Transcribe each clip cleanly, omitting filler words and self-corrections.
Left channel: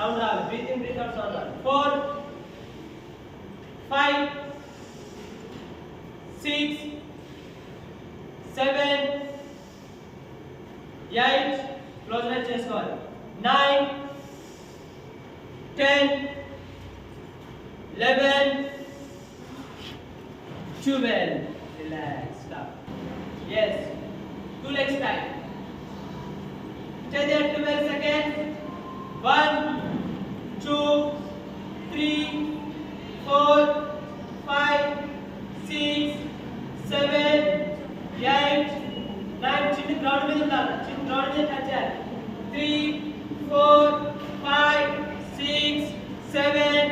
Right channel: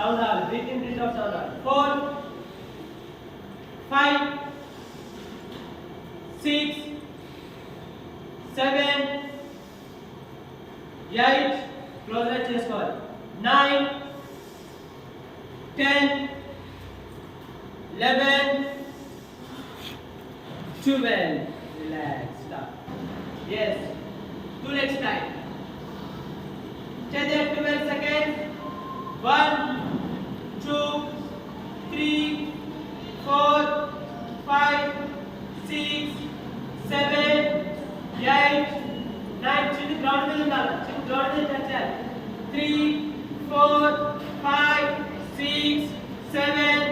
sound రావాలి. Breathe in, breathe out sound రావాలి. 4 5 6 7 8 close right చేసుకోవాలి. 9 10 11 12 relax stop. Yes, 2 legs tight. Stay there 12 seconds. 1 2 3 4 5 6 7 8 9 చిన్న గ్రౌండ్ మీద ఉండాలి. చిన్న గ్రౌండ్ మీద టచ్ చేయాలి. 3 4 5 6 7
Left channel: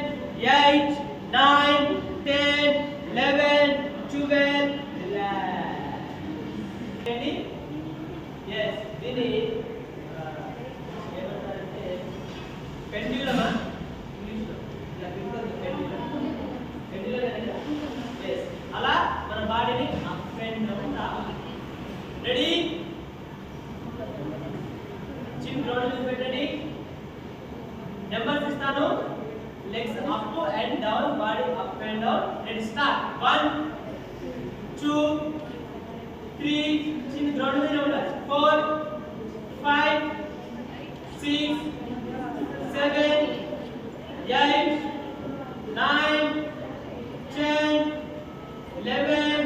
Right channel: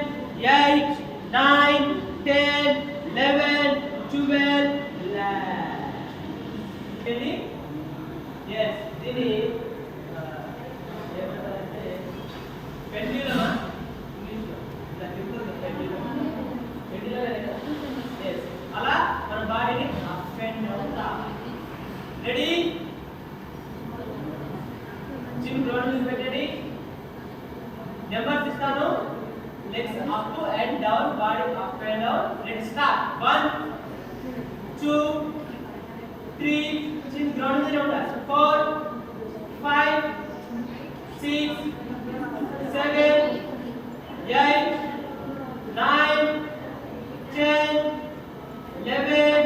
8 9 10 11 12 relax. Ready? Yes, this is pendulum. Yes, అలా మన బాడీని అప్ అండ్ డౌన్ రావాలి. రెడీ? చిన్న గ్రౌండ్ మీద పెట్టండి. నెంబర్స్ ఇస్తాను. Legs up and down, body up and down. Ready start. 1 2 3 చిన్న గ్రౌండ్ మీద ఉండాలి. 4 5 6 7 8 9 10 11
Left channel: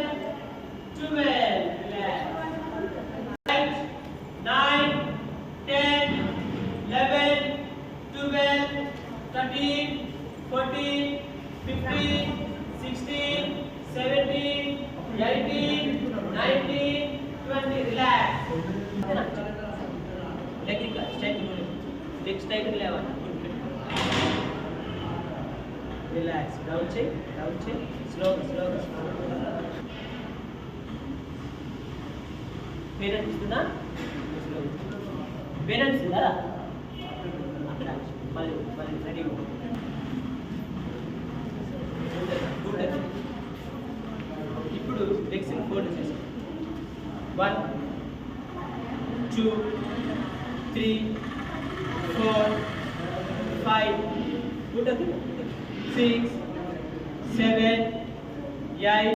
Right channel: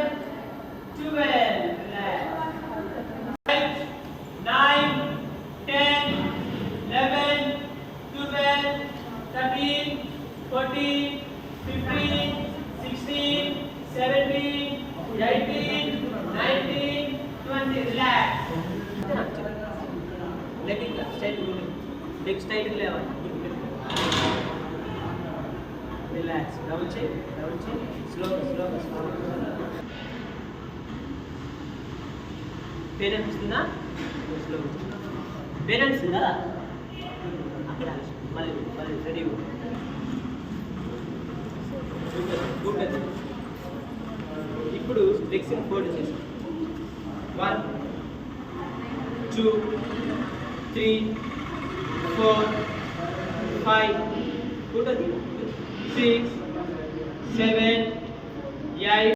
12 relax. 8 9 10 11 12 13 14 15 16 17 18 19 20 relax. Leg straight, leg straight లేవాలి. Relax. Down check, slow. Pain అనిపిస్తుందా? Slow. Pain అనిపిస్తుందా? అక్కడ మళ్ళీ రెడీ గుడ్. ఇప్పుడు లెగ్స్ ఫోల్డ్ చేసి 1 2 3 4 5 6 7 8